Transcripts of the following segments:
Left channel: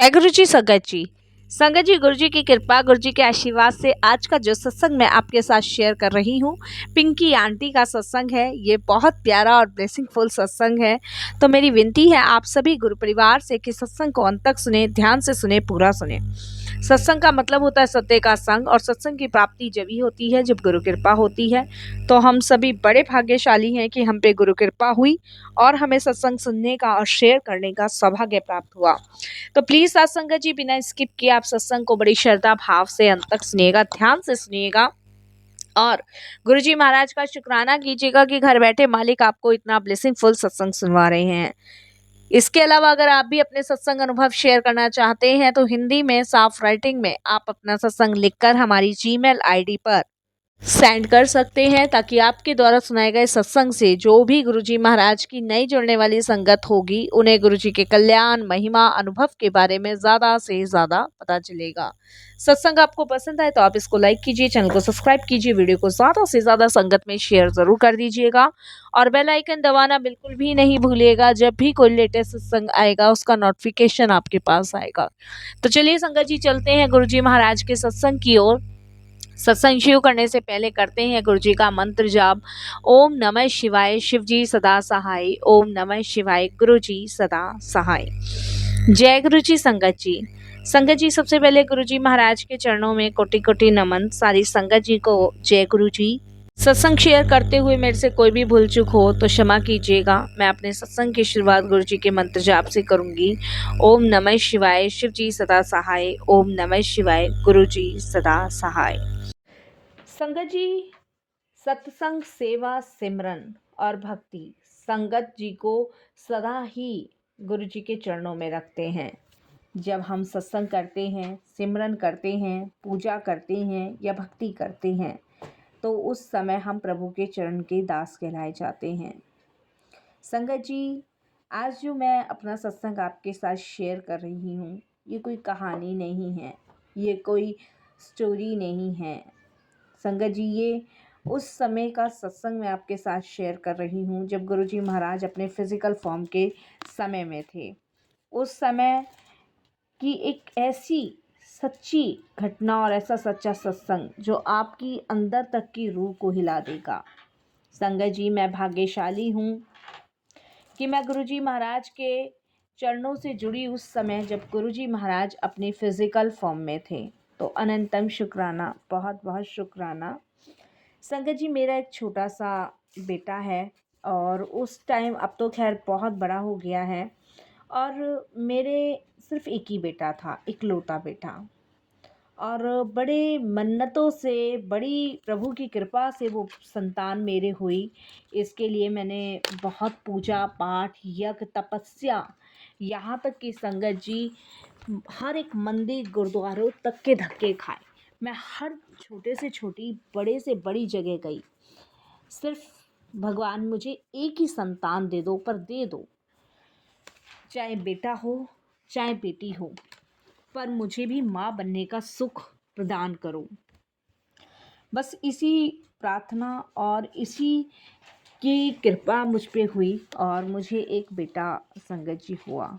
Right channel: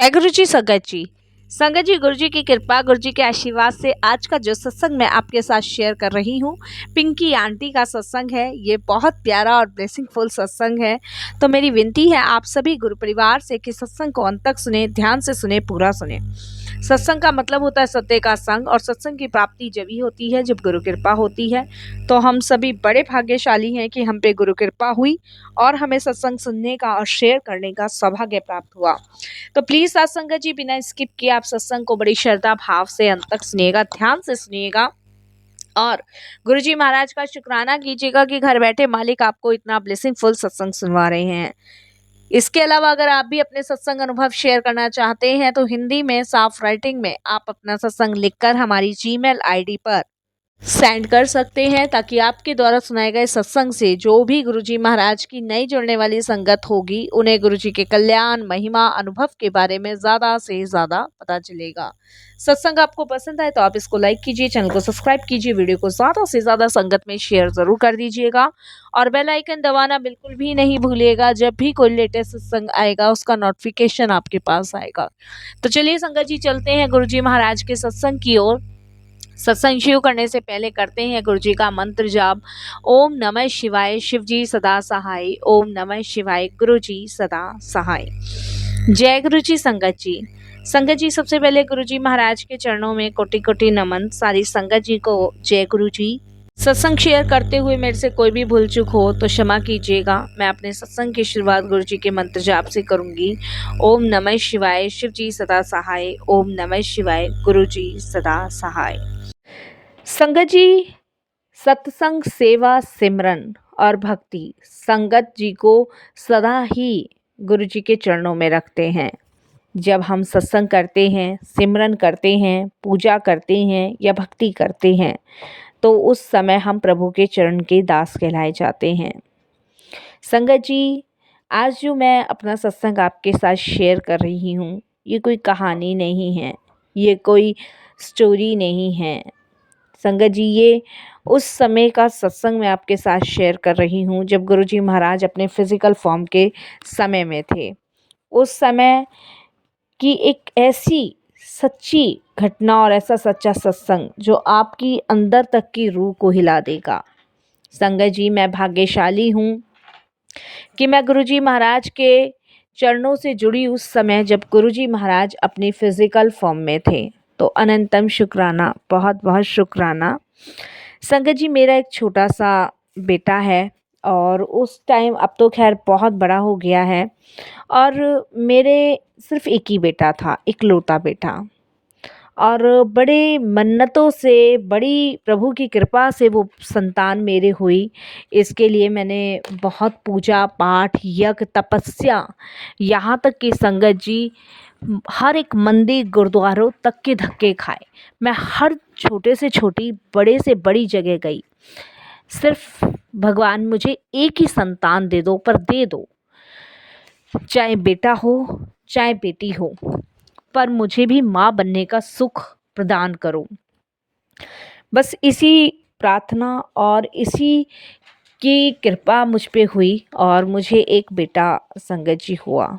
जय गुरु जी संगत जी। संगत जी, गुरु जी की कृपा, गुरु जी के आशीर्वाद से आज का जो सत्संग मैं आपके साथ शेयर कर रही हूँ, पिंकी आंटी का सत्संग है। ये बहुत प्यारा और ब्लेसिंगफुल सत्संग है। तो मेरी विनती है आप सभी गुरु परिवार से कि सत्संग को अंत तक सुने, ध्यान से सुने, पूरा सुने। सत्संग का मतलब होता है सत्य का संग, और सत्संग की प्राप्ति जब ही होती है जब गुरु कृपा होती है। तो हम सभी बड़े भाग्यशाली हैं कि हम पे गुरु कृपा हुई और हमें सत्संग सुनने का और शेयर करने का सौभाग्य प्राप्त हुआ। तो प्लीज सत्संगत जी, बिना स्किप किए आप सत्संग को बड़ी श्रद्धा भाव से अंत तक सुनिएगा, ध्यान से सुनिएगा और गुरुजी महाराज का शुक्राना कीजिएगा कि घर बैठे मालिक आपको इतना ब्लेसिंगफुल सत्संग सुनवा रहे हैं। इसके अलावा अगर आप भी अपने सत्संग अनुभव शेयर करना चाहते हैं तो हिंदी में साफ राइटिंग में आप अपना सत्संग लिखकर हमारी जीमेल आईडी पर सेंड कर सकते हैं, ताकि आपके द्वारा सुनाए गए सत्संग से जो भी गुरुजी महाराज की नई जुड़ने वाली संगत होगी उन्हें गुरुजी के कल्याण, महिमा, अनुभव के बारे में ज़्यादा से ज़्यादा पता चलेगा। सत्संग आपको पसंद आए तो आप इसको लाइक कीजिए, चैनल को सब्सक्राइब कीजिए, वीडियो को ज़्यादा से ज़्यादा संगत में शेयर ज़रूर कर दीजिएगा और बेल आइकन दबाना बिल्कुल भी नहीं भूलिएगा। जब भी कोई लेटेस्ट सत्संग आएगा उसका नोटिफिकेशन आपके पास आएगा। तो चलिए संगत जी, चलते हैं गुरुजी महाराज के सत्संग की ओर। सत्संग शुरू करने से पहले करते हैं गुरु जी का मंत्र जाप। ओम नमः शिवाय, शिव जी सदा सहाय। ओम नमः शिवाय, गुरु जी सदा सहाय। जय गुरु जी संगत जी। संगत जी, सबसे पहले गुरु जी महाराज के चरणों में कोटि कोटि नमन। सारी संगत जी को जय गुरु जी। सत्संग शेयर करते हुए मेरे से कोई भी भूल चूक हो तो क्षमा कीजिएगा। मैं अपने सत्संग की शुरुआत गुरु जी के मंत्र जाप से करूंगी। ओम नमः शिवाय, शिव जी सदा सहाय। ओम नमः शिवाय, गुरु जी सदा सहाय। संगत जी, सत्संग, सेवा, सिमरन और भक्ति संगत जी को सदा ही गुरु जी के चरणों में रखते हैं। जब हम सत्संग करते हैं, सिमरन करते हैं, पूजा करते हैं या भक्ति करते हैं तो उस समय हम प्रभु के चरण के दास कहलाए जाते हैं। संगत जी, आज जो मैं अपना सत्संग आपके साथ शेयर कर रही हूँ, ये कोई कहानी नहीं है, ये कोई स्टोरी नहीं है। संगत जी, ये उस समय का सत्संग मैं आपके साथ शेयर कर रही हूँ जब गुरुजी महाराज अपने फिज़िकल फॉर्म के समय में थे। उस समय की एक ऐसी सच्ची घटना और ऐसा सच्चा सत्संग जो आपकी अंदर तक की रूह को हिला देगा। संगत जी, मैं भाग्यशाली हूँ कि मैं गुरुजी महाराज के चरणों से जुड़ी उस समय जब गुरुजी महाराज अपनी फिज़िकल फॉर्म में थे। तो अनंतम शुक्राना, बहुत बहुत शुक्राना। संगत जी, मेरा एक छोटा सा बेटा है और उस टाइम, अब तो खैर बहुत बड़ा हो गया है, और मेरे सिर्फ एक ही बेटा था, इकलौता बेटा। और बड़े मन्नतों से, बड़ी प्रभु की कृपा से वो संतान मेरे हुई। इसके लिए मैंने बहुत पूजा पाठ, यज्ञ, तपस्या, यहाँ तक कि संगत जी हर एक मंदिर, गुरुद्वारों तक के धक्के खाए। मैं हर छोटे से छोटी, बड़े से बड़ी जगह गई। सिर्फ भगवान मुझे एक ही संतान दे दो, पर दे दो, चाहे बेटा हो चाहे बेटी हो, पर मुझे भी माँ बनने का सुख प्रदान करो। बस इसी प्रार्थना और इसी की कृपा मुझ पे हुई और मुझे एक बेटा संगत जी हुआ।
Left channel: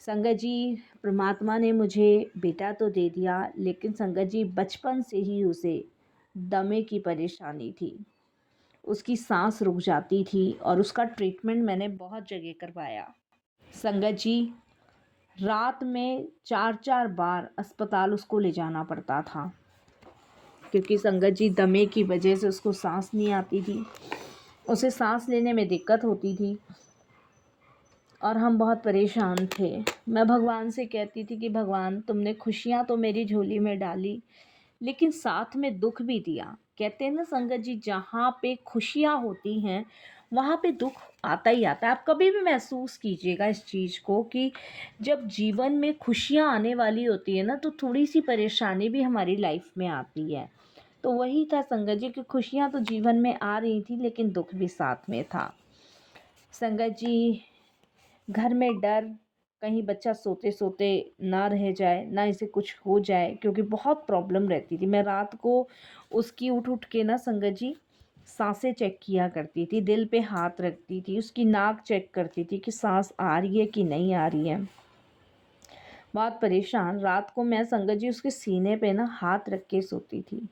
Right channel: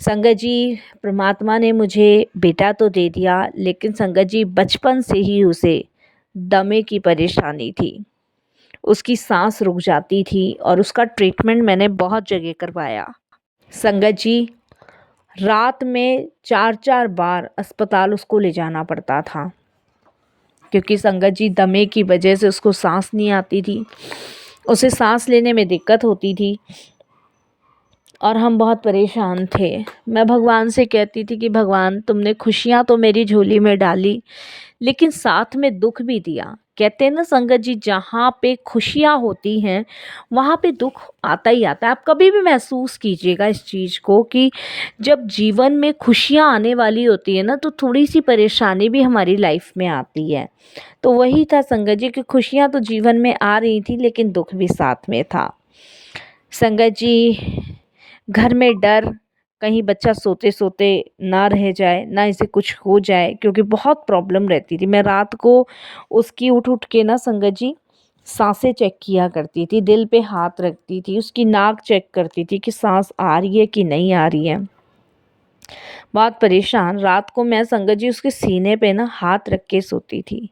संगत जी, परमात्मा ने मुझे बेटा तो दे दिया, लेकिन संगत जी बचपन से ही उसे दमे की परेशानी थी। उसकी सांस रुक जाती थी और उसका ट्रीटमेंट मैंने बहुत जगह करवाया। संगत जी, रात में 4-4 बार अस्पताल उसको ले जाना पड़ता था, क्योंकि संगत जी दमे की वजह से उसको सांस नहीं आती थी, उसे सांस लेने में दिक्कत होती थी और हम बहुत परेशान थे। मैं भगवान से कहती थी कि भगवान, तुमने खुशियाँ तो मेरी झोली में डाली, लेकिन साथ में दुख भी दिया। कहते हैं ना संगत जी, जहाँ पे खुशियाँ होती हैं वहाँ पे दुख आता ही आता है। आप कभी भी महसूस कीजिएगा इस चीज़ को कि जब जीवन में खुशियाँ आने वाली होती है ना, तो थोड़ी सी परेशानी भी हमारी लाइफ में आती है। तो वही था संगत जी कि खुशियाँ तो जीवन में आ रही थी, लेकिन दुख भी साथ में था। संगत जी, घर में डर, कहीं बच्चा सोते सोते ना रह जाए, ना इसे कुछ हो जाए, क्योंकि बहुत प्रॉब्लम रहती थी। मैं रात को उसकी उठ उठ के ना संगत जी सांसें चेक किया करती थी, दिल पे हाथ रखती थी, उसकी नाक चेक करती थी कि सांस आ रही है कि नहीं आ रही है। बहुत परेशान। रात को मैं संगत जी उसके सीने पे ना हाथ रख के सोती थी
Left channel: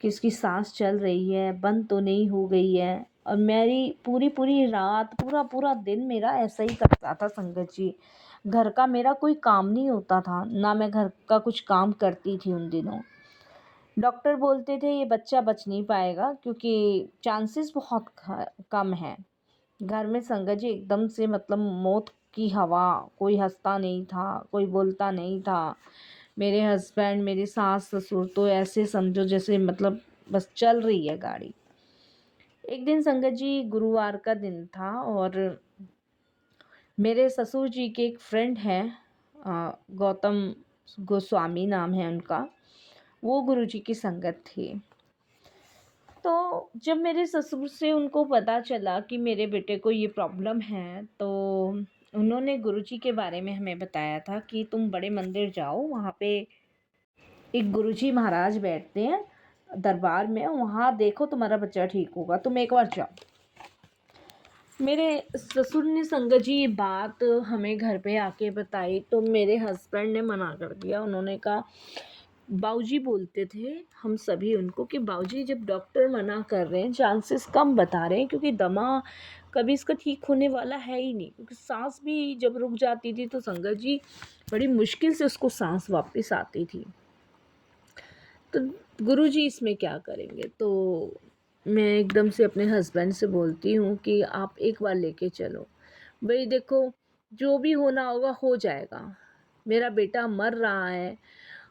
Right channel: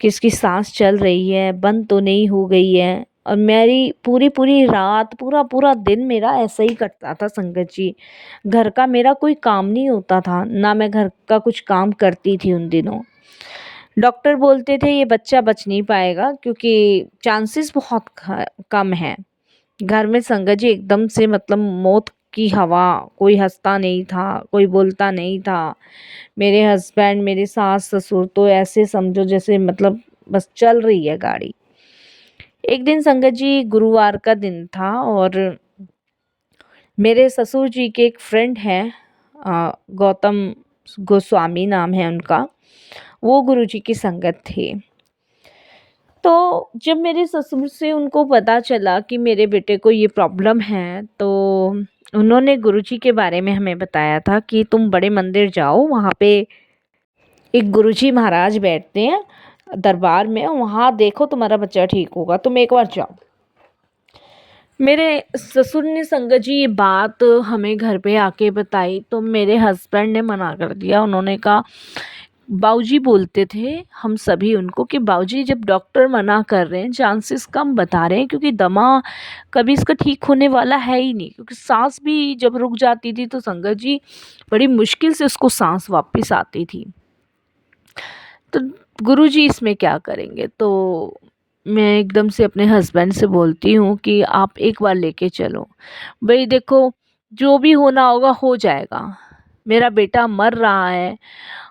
कि इसकी सांस चल रही है, बंद तो नहीं हो गई है। और मेरी पूरी पूरी रात, पूरा पूरा दिन मेरा ऐसा ही कटता था संगत जी। घर का मेरा कोई काम नहीं होता था, ना मैं घर का कुछ काम करती थी उन दिनों। डॉक्टर बोलते थे ये बच्चा बच नहीं पाएगा क्योंकि चांसेस बहुत कम हैं। घर में संगत जी एकदम से मतलब मौत की हवा, कोई हंसता नहीं था, कोई बोलता नहीं था। मेरे हस्बैंड, मेरे सास ससुर तो ऐसे समझो जैसे मतलब बस चल रही है गाड़ी। एक दिन संगत जी गुरुवार का दिन था और मेरे ससुर जी के एक फ्रेंड हैं, गौतम गोस्वामी नाम है उनका, वो गुरुजी की संगत थे। तो जब मेरे ससुर से उनको पता चला कि मेरे बेटे को ये प्रॉब्लम है, तो उन्होंने गुरुजी के बारे में हमें बताया था कि तुम बड़े मंदिर जाओ, वहाँ पे एक गुरुजी महाराज बैठते हैं दरबार में, वहाँ देखो तुम्हारा बच्चा ठीक होगा, तुम एक बार जाओ। मेरे ससुर ने संगत जी ये बात हमें घर पे आके बताई तो मेरे हस्बैंड ने मना कर दिया। उन्होंने कहा, बाऊजी बोलते थे हम सभी उनको कि बाऊजी जब डॉक्टर मना कर रहे हैं, चांसेस कम बता रहे हैं, क्योंकि दमा कभी इसका ठीक होने वाला है ही नहीं, क्योंकि सांस भी जब रुक जाती थी तो संगत जी बड़ी मुश्किल से उसको सांस वापस आती थी। तो गुरुजी इसमें क्या करेंगे? तो मैं एकदम से अपने हस्बैंड से बोलती हूँ कि आप एक बार लेके चलो। भाई देखो, जो भी होना होगा हो जाएगा। मेरा बेटा मर रहा है,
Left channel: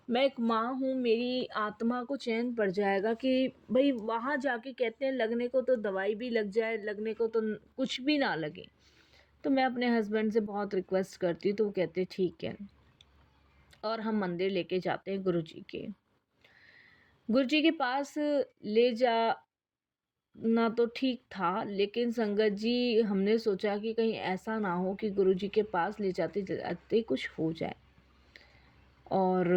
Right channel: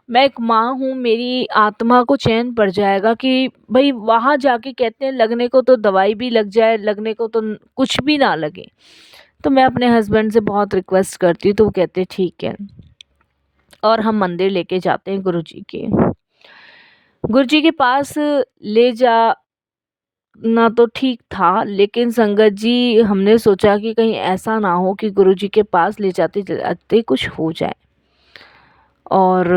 मैं एक माँ हूँ, मेरी आत्मा को चैन पड़ जाएगा कि भाई वहाँ जाके कहते हैं लगने को तो दवाई भी लग जाए, लगने को तो कुछ भी ना लगे। तो मैं अपने हस्बैंड से बहुत रिक्वेस्ट करती हूँ, तो वो कहते हैं ठीक है, और हम मंदिर लेके जाते हैं गुरुजी के। गुरुजी के पास ले जा ना तो ठीक था, लेकिन संगत जी हमने सोचा कि कहीं ऐसा ना हो कि गुरुजी के पास ले जाते जाते कुछ हो जाए। और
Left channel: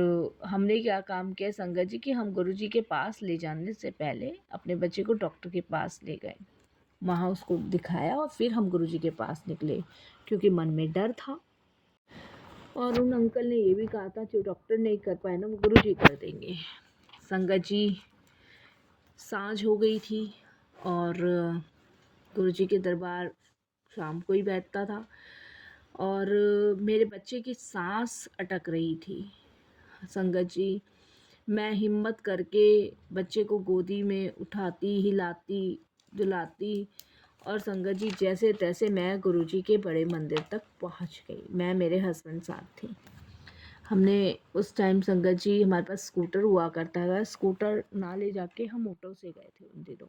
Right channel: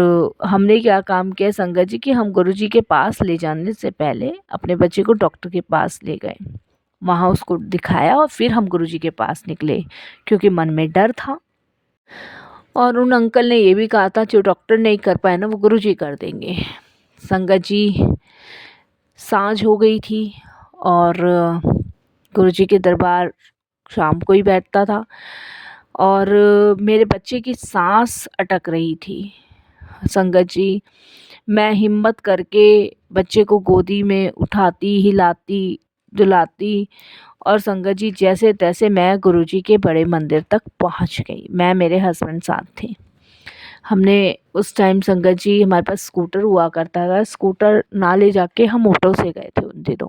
हमने क्या काम किया संगत जी कि हम गुरुजी के पास ले जाने से पहले अपने बच्चे को डॉक्टर के पास ले गए, वहाँ उसको दिखाया और फिर हम गुरुजी के पास निकले, क्योंकि मन में डर था। और उन अंकल ने ये भी कहा था जो डॉक्टर नहीं कर पाए ना वो गुरुजी कर देंगे। संगत जी सांझ हो गई थी और गुरुजी के दरबार शाम को ही बैठता था और मेरे बच्चे की सांस अटक रही थी। संगत जी, मैं हिम्मत करके बच्चे को गोदी में उठाती, हिलाती, डुलाती और संगत जी जैसे तैसे मैं गुरुजी के बड़े मंदिर तक पहुंच गई। मैं, मेरे हस्बैंड साथ थे। हमने उस टाइम संगत जी हमारे पास स्कूटर हुआ करता था, स्कूटर ना ले जाके हम ऑटो से गए थे उन दिनों।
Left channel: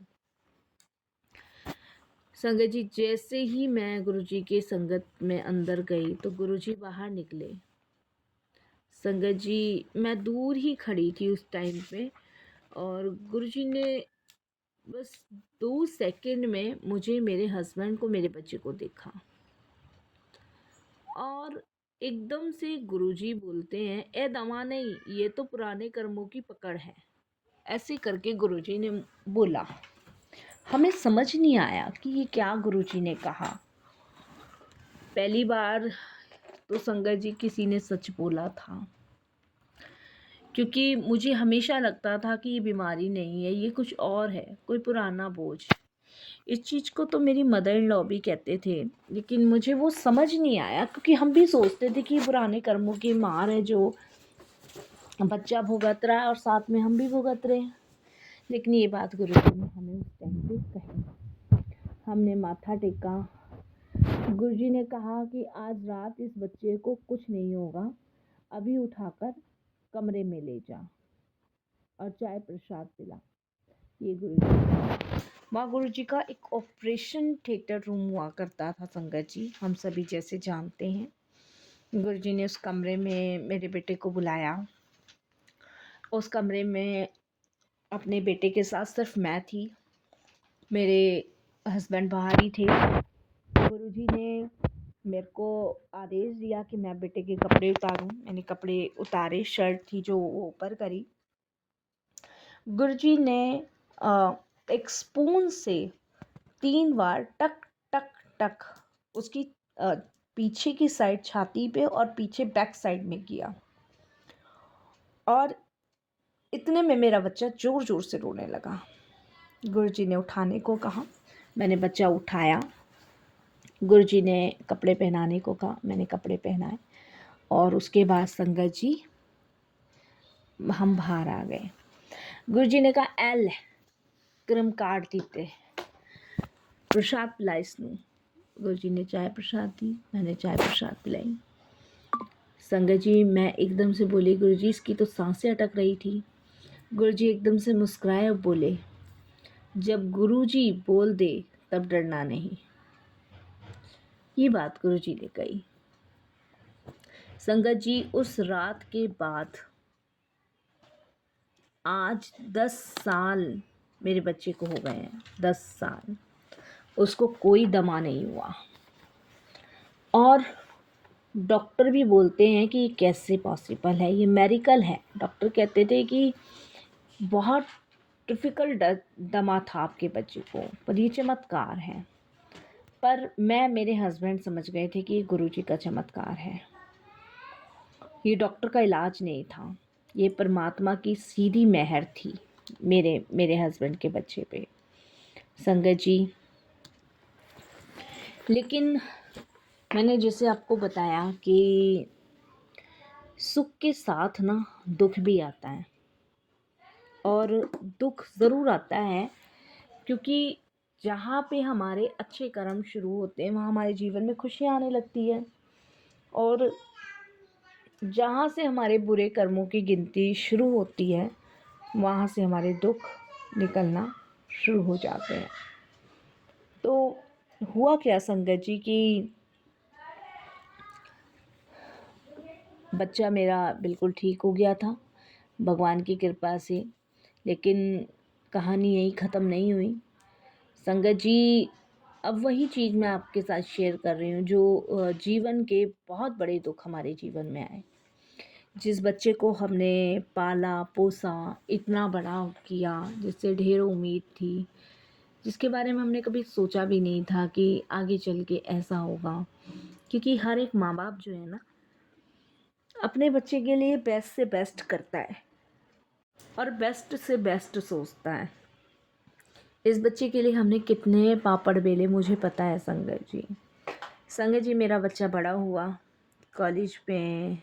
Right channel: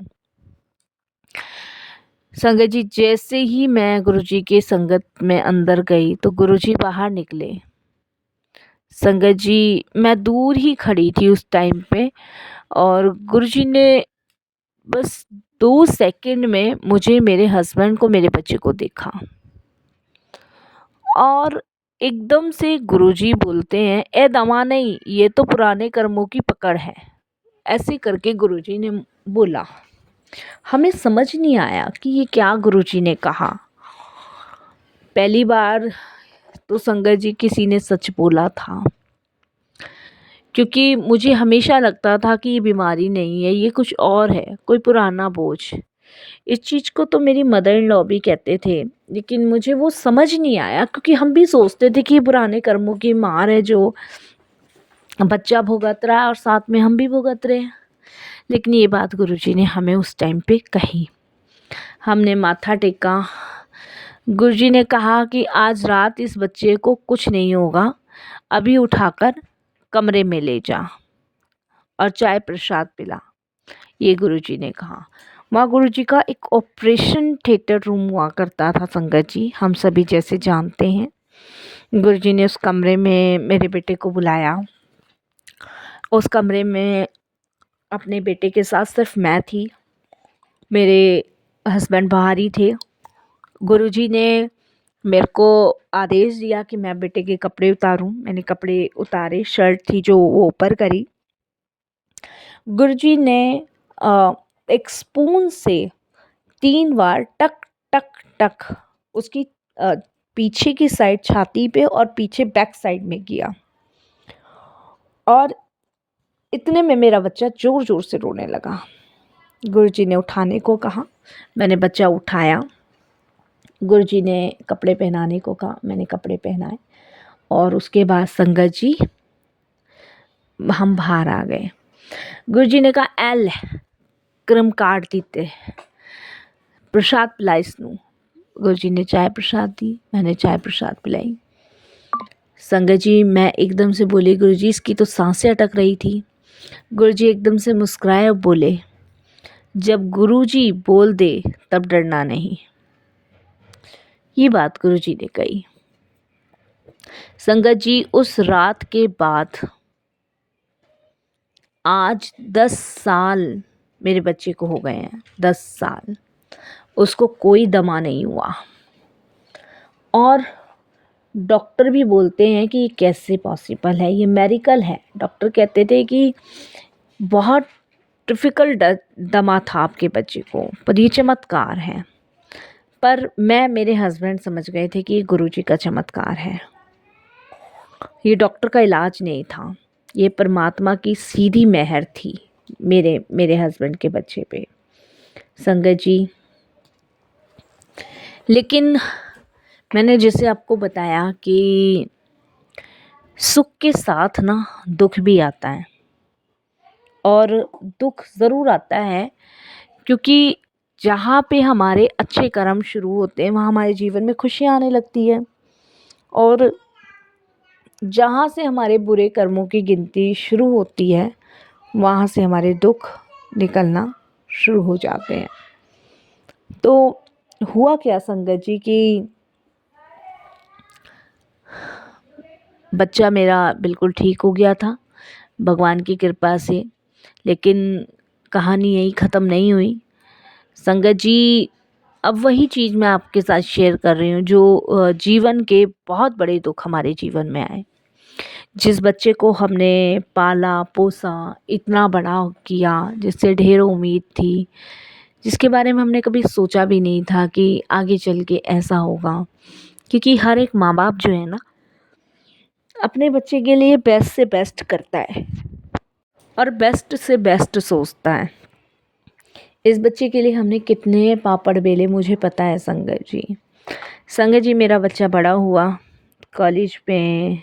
संगत जी जैसे ही मैं गुरुजी के संगत में अंदर गई तो गुरुजी बाहर निकले। संगत जी मैं दूर ही खड़ी थी उस टाइम पे और गुरुजी ने बस 2 सेकंड में मुझे, मेरे हस्बैंड को, मेरे बच्चे को देखा और एकदम से गुरुजी बोलते हैं, ए दमा नहीं, ये तो पुराने कर्मों की पकड़ है। ऐसे करके गुरुजी ने बोला। हमें समझ नहीं आया कि ये क्या गुरुजी ने कहा। पहली बार तो संगत जी किसी ने सच बोला था, क्योंकि मुझे हमेशा लगता था कि ये बीमारी नहीं है, ये कुछ और है, कोई पुराना बोझ। इस चीज़ को तो मेरी मदर इन लॉ भी कहते थे, लेकिन मुझे वो समझ नहीं आया, क्योंकि हम भी सोचते थे कि ये पुराने कर्मों की मार है जो बच्चा भुगत रहा है और साथ में हम भी भुगत रहे हैं। लेकिन ये बात गुरुजी ने हमें उस टाइम पे कही। हमने माथा टेका। गुरुजी ने कहा कि आज रात इस बच्चे को कुछ नहीं होगा, अभी उठाकर कमरे में ले जा और चाय प्रसाद पिला, ये गुरुजी ने कहा। वहाँ गुरुजी का एक ऑपरेशन थिएटर रूम हुआ करता था संगत जी, हम सभी जैसे जानते हैं। गुरुजी ने उस कमरे में मेरे बेटे को बुलाया। उस कमरे में अपने बेटे के साथ सिर्फ मैं थी, मेरे हस्बैंड बाहर ही थे। गुरुजी ने मेरे को आदेश दिया कि मैं बेटे के कपड़े उतारूं। मैंने कपड़े उतारे, शर्ट थी जो वो ऊपर करी। गुरुजी ने एक स्पून से 3 बार टक टक टक उसकी पीछे की साइड छाती पे और पीछे बैक साइड में किया, और इतने में मेरा बच्चा ज़ोर ज़ोर से रोने लगा। गुरुजी ने उठाने को कहा, मैंने बच्चा उठाया। गुरुजी ने कपड़े पहनाने को कहा, मैंने कपड़े पहनाए। और उसके बाद संगत जी हम बाहर आ गए। गुरुजी ने कहा, एल क्रम काट दीते, प्रसाद पिलाई इसनू। गुरुजी ने चाय प्रसाद दी, मैंने चाय प्रसाद पिलाई। संगत जी मैं एकदम से बोली, गुरुजी इसकी तो सांसें अटक रही थी। गुरुजी एकदम से मुस्कुराए और बोले, जब गुरुजी बोल दे तब डरना नहीं। ये बात गुरुजी ने कही। संगत जी उस रात के बाद आज 10 साल मेरे बच्चे को हो गए हैं, 10 साल। उसको कोई दमा नहीं हुआ, और डॉक्टर भी बोलते हैं कि ये कैसे पॉसिबल है, ये मेरिकल है। डॉक्टर कहते थे कि बहुत डिफ़िकल्ट दमा था आपके बच्चे को, पर ये चमत्कार है। पर मैं, मेरे हस्बैंड समझ गए थे कि ये गुरुजी का चमत्कार है, ये डॉक्टर का इलाज नहीं था, ये परमात्मा की सीधी मेहर थी मेरे हस्बैंड के बच्चे पे। संगत जी, लेकिन मैंने जैसे आपको बताया कि सुख के साथ ना दुख भी आता है, और दुख ज़रूर आता है क्योंकि जहाँ पे हमारे अच्छे कर्म शुरू होते हैं वहाँ हमारे जीवन में खुशियाँ आने लगती है, और जहाँ से हमारे बुरे कर्मों की गिनती शुरू होती है वहाँ से हमारे दुख निकलना शुरू हो जाते हैं। तो हुआ क्या संगत जी कि बच्चा मेरा बिल्कुल ठीक हो गया था भगवान की कृपा से, लेकिन कहानी यही ख़त्म नहीं हुई। संगत जी अब वही चीज़ मैं आपके साथ शेयर कर रही हूँ जो जीवन के बहुत बड़े दुख हमारे जीवन में आए। जिस बच्चे को हमने पाला पोसा, इतना बड़ा किया, जिससे ढेरों उम्मीद थी, जिसके बारे में हमने कभी सोचा भी नहीं था कि आगे चल के ऐसा होगा। क्योंकि हर एक माँ बाप जो है ना, अपने बच्चे के लिए बेस्ट से बेस्ट करता है और बेस्ट से बेस्ट सोचता है। इस बच्चे के लिए हमने कितने पापड़ बेले मुझे पता है संगत जी। संगत जी मेरा बच्चा बड़ा हुआ, कॉलेज में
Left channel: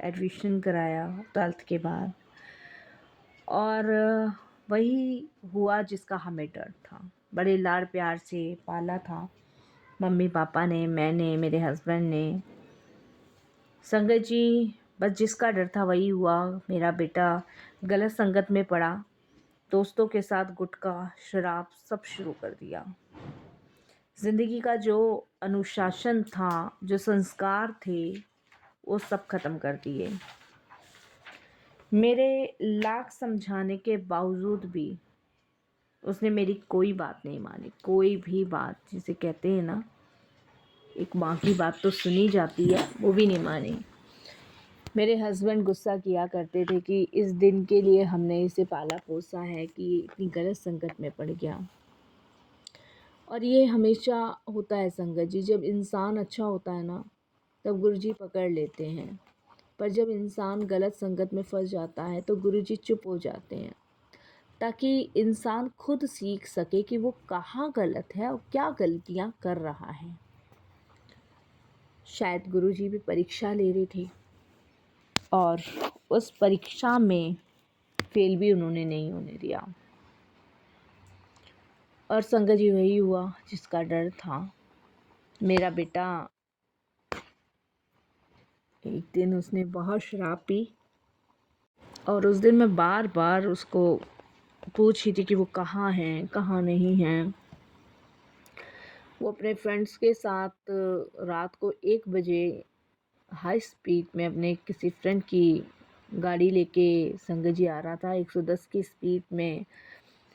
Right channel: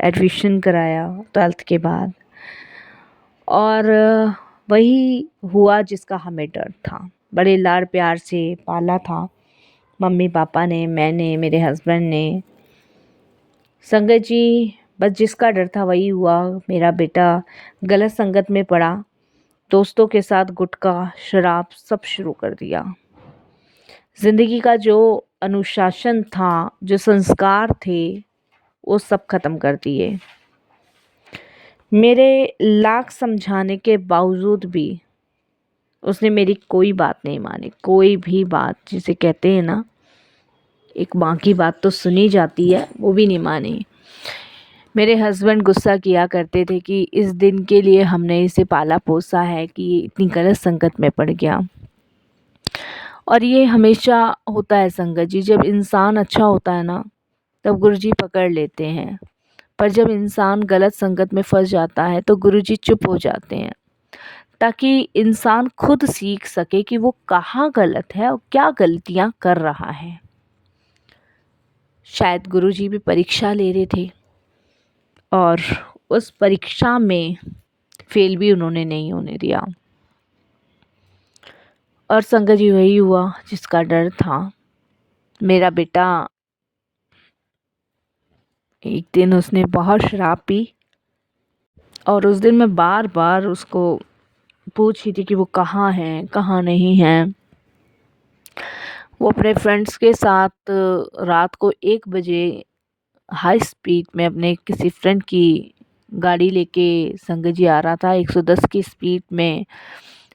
एडमिशन कराया 12th के बाद, और वही हुआ जिसका हमें डर था। बड़े लाड प्यार से पाला था मम्मी पापा ने, मैंने, मेरे हस्बैंड ने। संगत जी बस जिसका डर था वही हुआ। मेरा बेटा गलत संगत में पड़ा, दोस्तों के साथ गुटखा शराब सब शुरू कर दिया। ज़िंदगी का जो अनुशासन था, जो संस्कार थे, वो सब ख़त्म कर दिए। मेरे लाख समझाने के बावजूद भी उसने मेरी कोई बात नहीं मानी, कोई भी बात, जिसे कहते हैं ना एक माँ की बात तो सुनी जाती है, वो भी नहीं मानी। मेरे हस्बैंड गुस्सा किया करते थे कि इस दिन के लिए हमने इसे पाला पोसा है कि ये इतनी गलत संगत में पड़ गया। और ये हमेशा होता है संगत जी, जब इंसान अच्छा होता है ना तब गुरुजी पकड़ लेते हैं, पर जब इंसान गलत संगत में फंस जाता है तो गुरुजी चुप हो जाते हैं, ताकि इंसान खुद सीख सके कि वो कहाँ गलत है और क्या गलतियाँ कर रहा है। शायद गुरुजी भी परीक्षा ले रहे थे और उस परीक्षा में फेल भी उन्होंने नहीं होने दिया। और संगत जी वही हुआ जिसका डर था। मेरा बेटा एक दिन उसने बहुत शराब पी, और उस दिन मैं बार बार उसको पूछ रही थी कि वो कहाँ है कहाँ नहीं है। वो अपने फ्रेंड्स के साथ रात को 1 बजे हाई स्पीड में अपने किसी फ्रेंड की गाड़ी लेके संगत जी आ रहा था। 110 की स्पीड में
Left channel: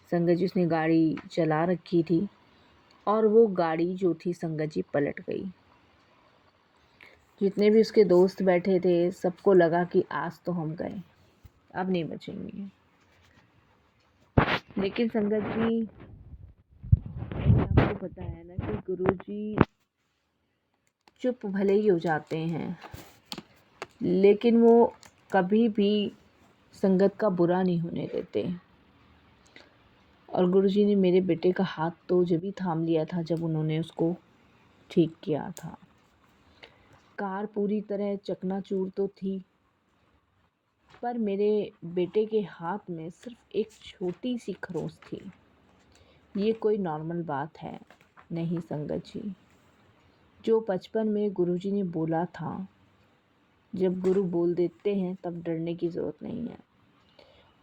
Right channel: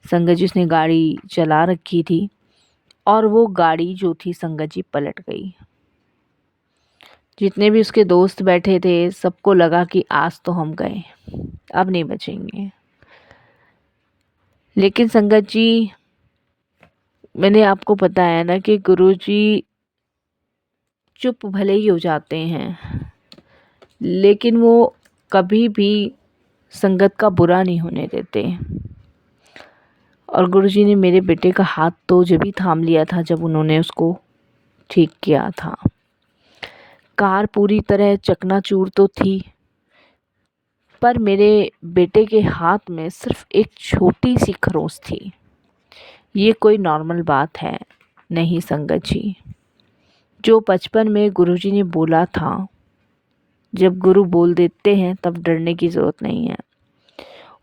संगत जी उसने गाड़ी चला रखी थी, और वो गाड़ी जो थी संगत जी पलट गई। जितने भी उसके दोस्त बैठे थे सबको लगा कि आज तो हम गए, अब नहीं बचेंगे। लेकिन संगत जी मैंने आपको बताया ना कि गुरुजी चुप भले ही हो जाते हैं, लेकिन वो कभी भी संगत का बुरा नहीं होने देते। और गुरुजी ने मेरे बेटे का हाथ तो जब भी थाम लिया था जब उन्होंने उसको ठीक किया था। कार पूरी तरह चकनाचूर तो थी, पर मेरे बेटे के हाथ में सिर्फ एक छोटी सी खरोंच थी। ये कोई नॉर्मल बात है नहीं संगत जी। जो बचपन में गुरुजी ने बोला था, जब गुरु बोल देते हैं तब डरने की ज़रूरत नहीं है,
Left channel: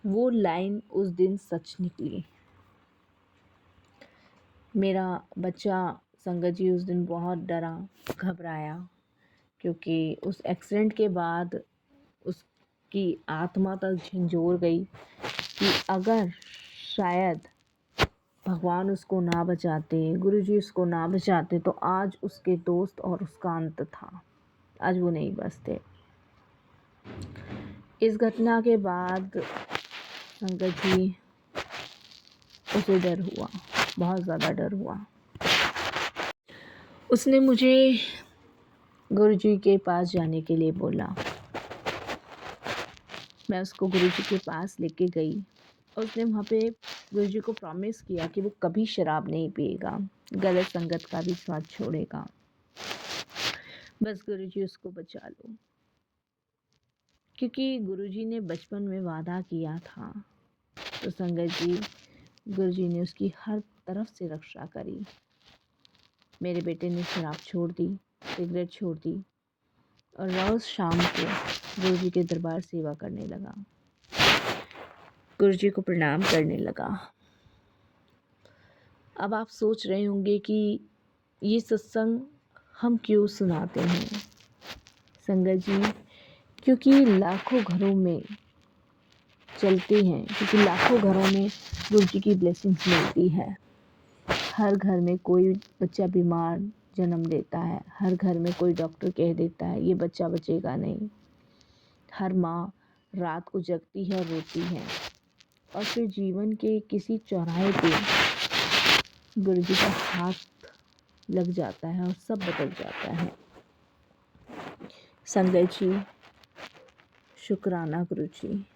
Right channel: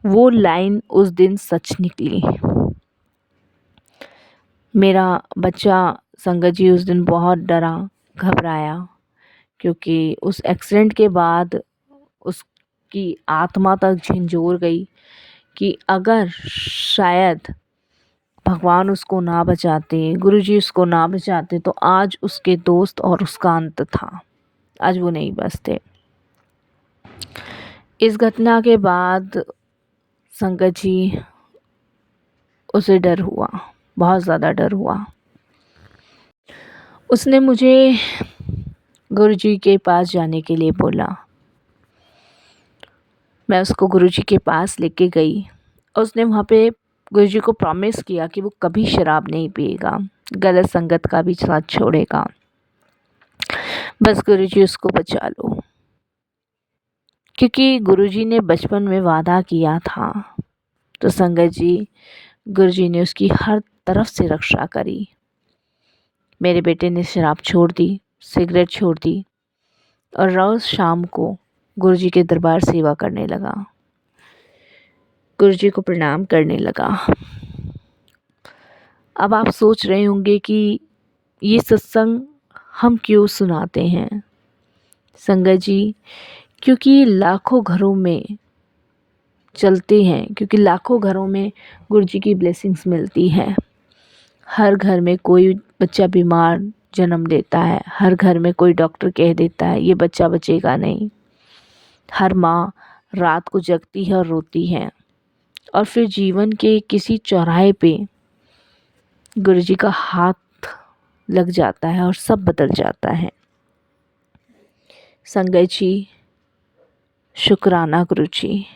वो लाइन उस दिन सच निकली। मेरा बच्चा संगत जी उस दिन बहुत डरा, घबराया, क्योंकि उस एक्सीडेंट के बाद उसकी आत्मा तक झंझोर गई कि अगर शायद भगवान उसको ना बचाते, गुरुजी उसको ना बचाते, तो आज उसके दोस्त और उसका अंत था। आज वो नहीं बचते। इस घटना के बाद संगत जी उसे डर हुआ, बहुत ज़्यादा डर हुआ। उसने मुझे गुरुजी के पास जाने के लिए बोला। मैं उसको गुरुजी के पास लेके गई और उसने वहाँ पे गुरुजी को प्रॉमिस किया कि वो कभी शराब नहीं पिएगा, गलत संगत का भी साथ छोड़ेगा। बस गुरुजी उसको बचा लो, क्योंकि गुरुजी ने बचपन में वादा किया था। तो संगत जी, गुरुजी ने उसकी हर तरफ से रक्षा करी। मेरे बेटे ने शराब छोड़ दी, सिगरेट छोड़ दी और रोज़ शाम को गुरुजी के दरबार सेवा करने लगा, गुरुजी को प्रणाम करने लगा। अब आप सोच रहे होंगे कि ये सत्संग हम क्यों सुनाते हैं संगत जी, क्योंकि लाखों घरों में चलते हैं, क्योंकि लाखों घरों में गुरुजी की ब्लेसिंग्स मिलती हैं। हर घर में कोई बच्चा बीमार जन्म लेता है, हर घर में कोई डॉक्टर कह देता है ये बच्चा बचेगा नहीं। हर माँ रात को जगती है और रोती है, और फिर जीवन के किसी चौराहे पे गुरुजी का हाथ लग जाता है और सब बदल जाता है। संगत जी, शुक्राना गुरुजी।